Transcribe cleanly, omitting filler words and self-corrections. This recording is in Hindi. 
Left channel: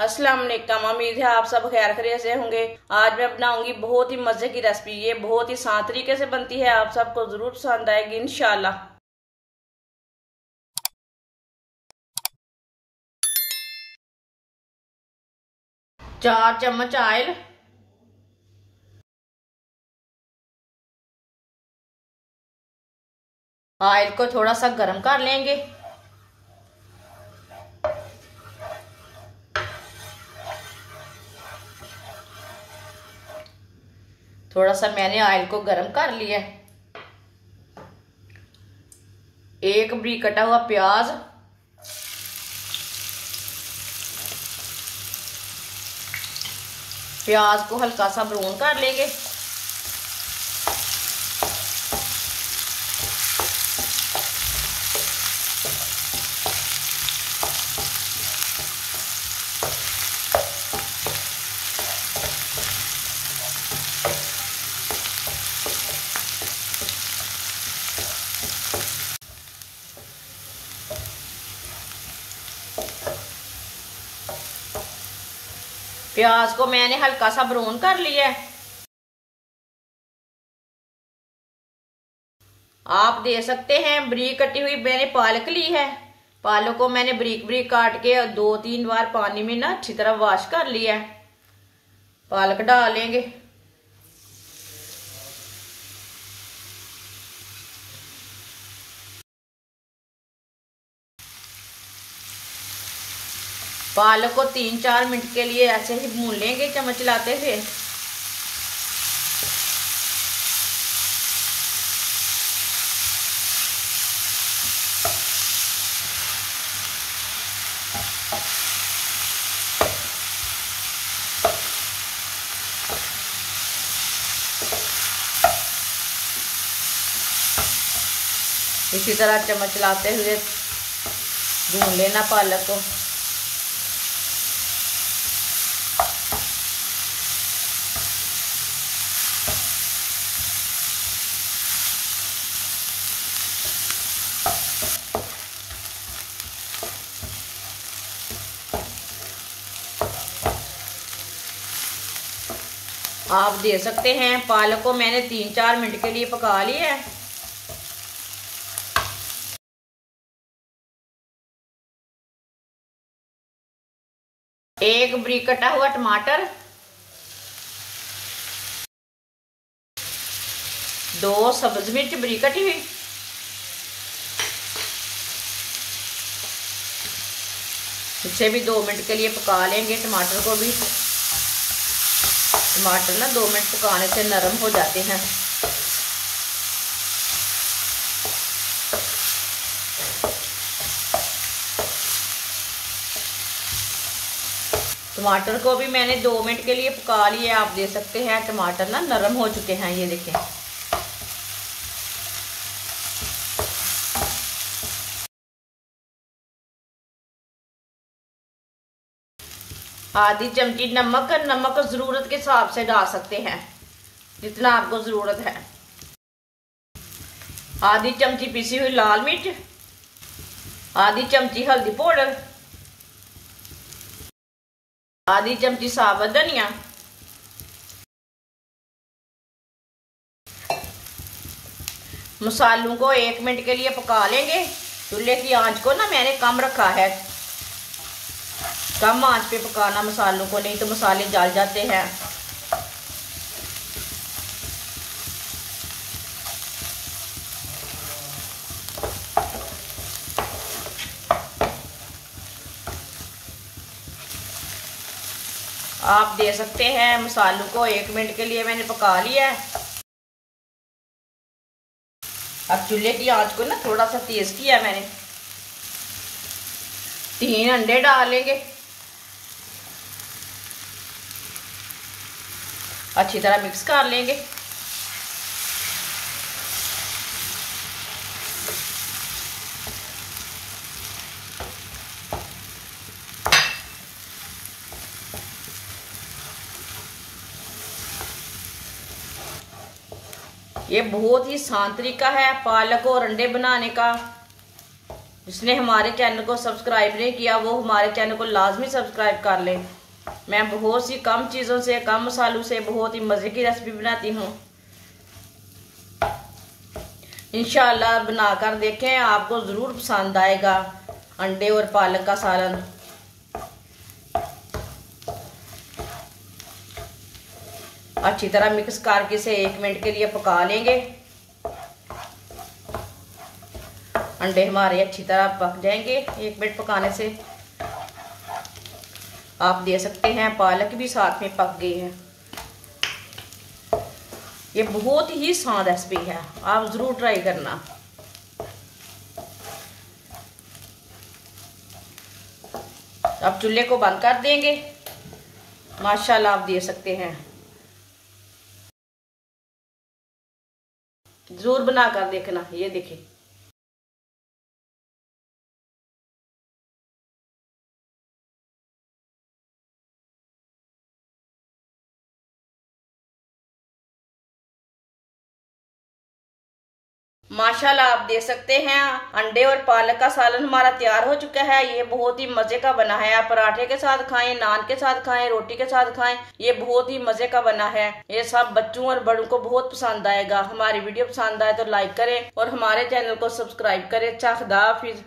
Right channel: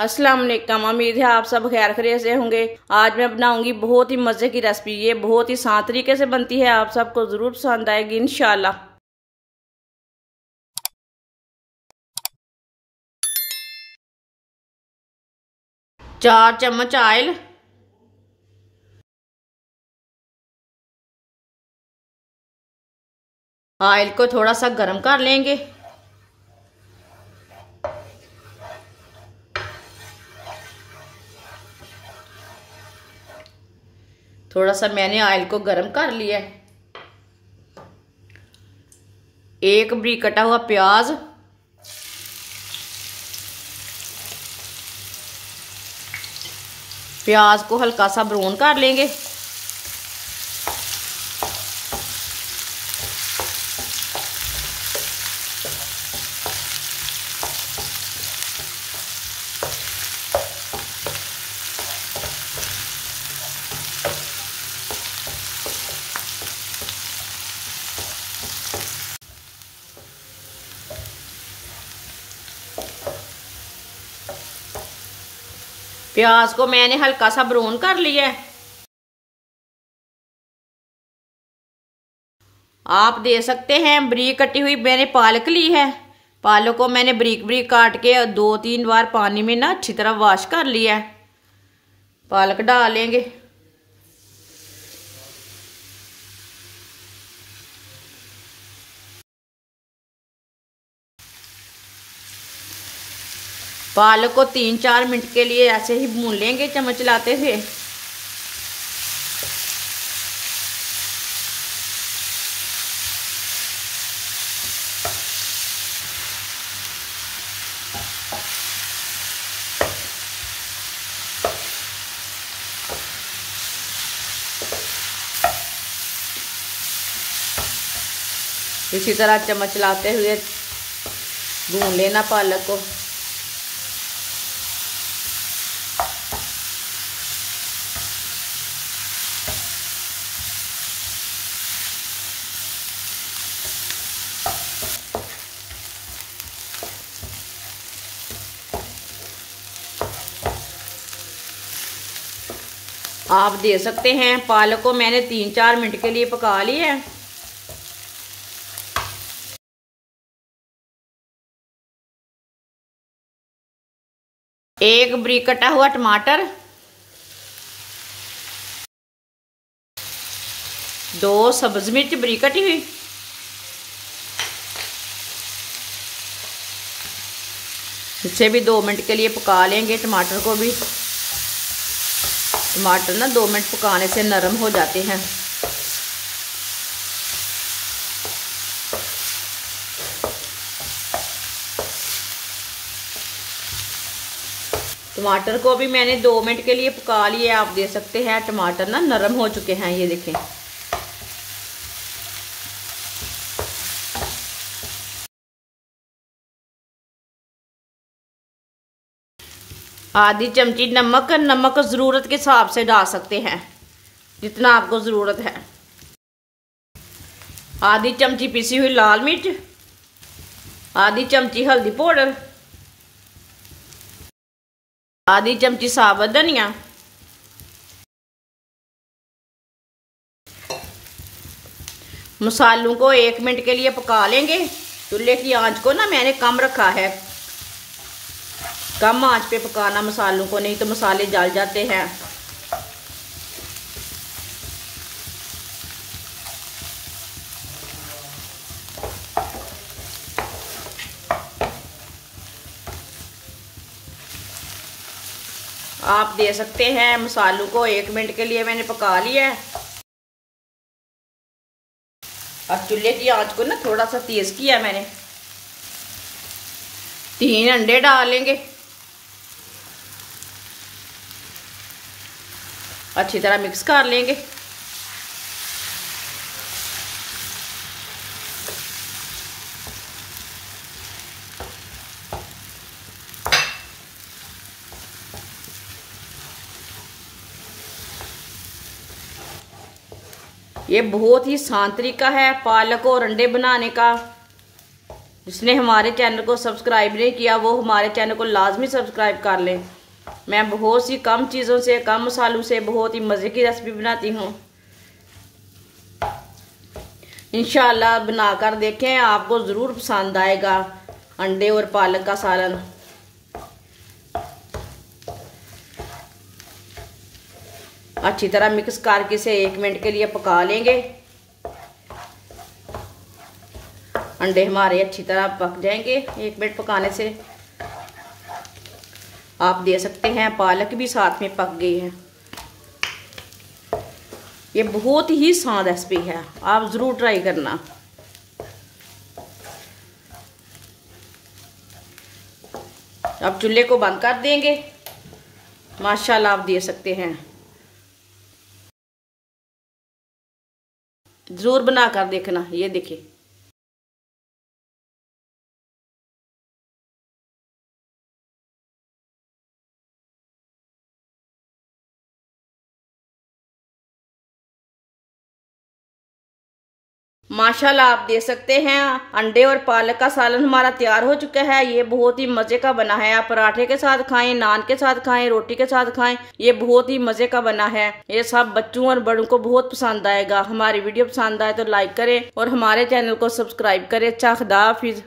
अस्सलाम वालेकुम। उम्मीद है आप सब खैर खैरियत से होंगे। आज मैं बनाऊंगी बहुत ही मजे की रेसिपी। ये बहुत ही आसान तरीके से बनती है, आप सबको जरूर पसंद आएगी इंशाल्लाह। 4 चम्मच ऑयल, ऑयल को थोड़ा सा गर्म कर लेंगे। थोड़ा सा मैंने ऑयल को गर्म कर लिया। एक बारीक कटा हुआ प्याज, प्याज को हल्का सा ब्राउन कर लेंगे। प्याज को मैंने हल्का सा ब्राउन कर लिया है। आप दे सकते हैं बारीक कटी हुई मैंने पालक ली है। पालक को मैंने बारीक बारीक काट के 2-3 बार पानी में ना अच्छी तरह वॉश कर लिया है। पालक डालेंगे। पालक को 3-4 मिनट के लिए ऐसे ही भून लेंगे चम्मच चलाते हुए। इसी तरह चम्मच चलाते हुए भून लेना पालक को। आप दे सकते हैं पालक को मैंने 3-4 मिनट के लिए पका लिया है। एक बारीक कटा हुआ टमाटर, 2 सब्ज मिर्च बारीक कटी हुई, इसे भी 2 मिनट के लिए पका लेंगे। टमाटर को भी, टमाटर ना 2 मिनट पकाने से नरम हो जाते हैं। टमाटर को भी मैंने 2 मिनट के लिए पका लिया। आप दे सकते हैं टमाटर ना नरम हो चुके हैं, ये देखें। आधी चमची नमक, नमक जरूरत के हिसाब से डाल सकते हैं जितना आपको जरूरत है। आधी चमची पिसी हुई लाल मिर्च, आधी चमची हल्दी पाउडर, आधी चमची साबुत धनिया, मसालों को 1 मिनट के लिए पका लेंगे। चूल्हे की आंच को ना मैंने कम रखा है, कम आंच पे पकाना मसालों को, नहीं तो मसाले जल जाते हैं। आप दे सकते हैं मसालों को 1 मिनट के लिए मैंने पका लिया है। अब चूल्हे की आंच को ना थोड़ा सा तेज किया मैंने। 3 अंडे डालेंगे, अच्छी तरह मिक्स कर लेंगे। ये बहुत ही आसान तरीका है पालक और अंडे बनाने का। जिसने हमारे चैनल को सब्सक्राइब नहीं किया वो हमारे चैनल को लाजमी सब्सक्राइब कर ले। मैं बहुत सी कम चीज़ों से, कम मसालों से बहुत ही मज़े की रेसिपी बनाती हूँ। इंशाल्लाह बनाकर देखें, आपको ज़रूर पसंद आएगा अंडे और पालक का सालन। अच्छी तरह मिक्स करके इसे 1 मिनट के लिए पका लेंगे। अंडे हमारे अच्छी तरह पक जाएंगे 1 मिनट पकाने से। आप दे सकते हैं पालक भी साथ में पक गई है। ये बहुत ही आसान रेसिपी है, आप ज़रूर ट्राई करना। अब चूल्हे को बंद कर देंगे। माशाल्लाह आप दे सकते हैं, ज़रूर बनाकर देखना। ये देखिए माशाल्लाह आप दे सकते हैं, अंडे और पालक का सालन हमारा तैयार हो चुका है। ये बहुत ही मजे का बना है। आप पराठे के साथ खाएं, नान के साथ खाएं, रोटी के साथ खाएं। ये बहुत ही मजे का बना है। ये सब बच्चों और बड़ों को बहुत पसंद आएगा। हमारी वीडियो पसंद आए तो लाइक करें और हमारे चैनल को सब्सक्राइब करें। अच्छा, खुदा हाफिज।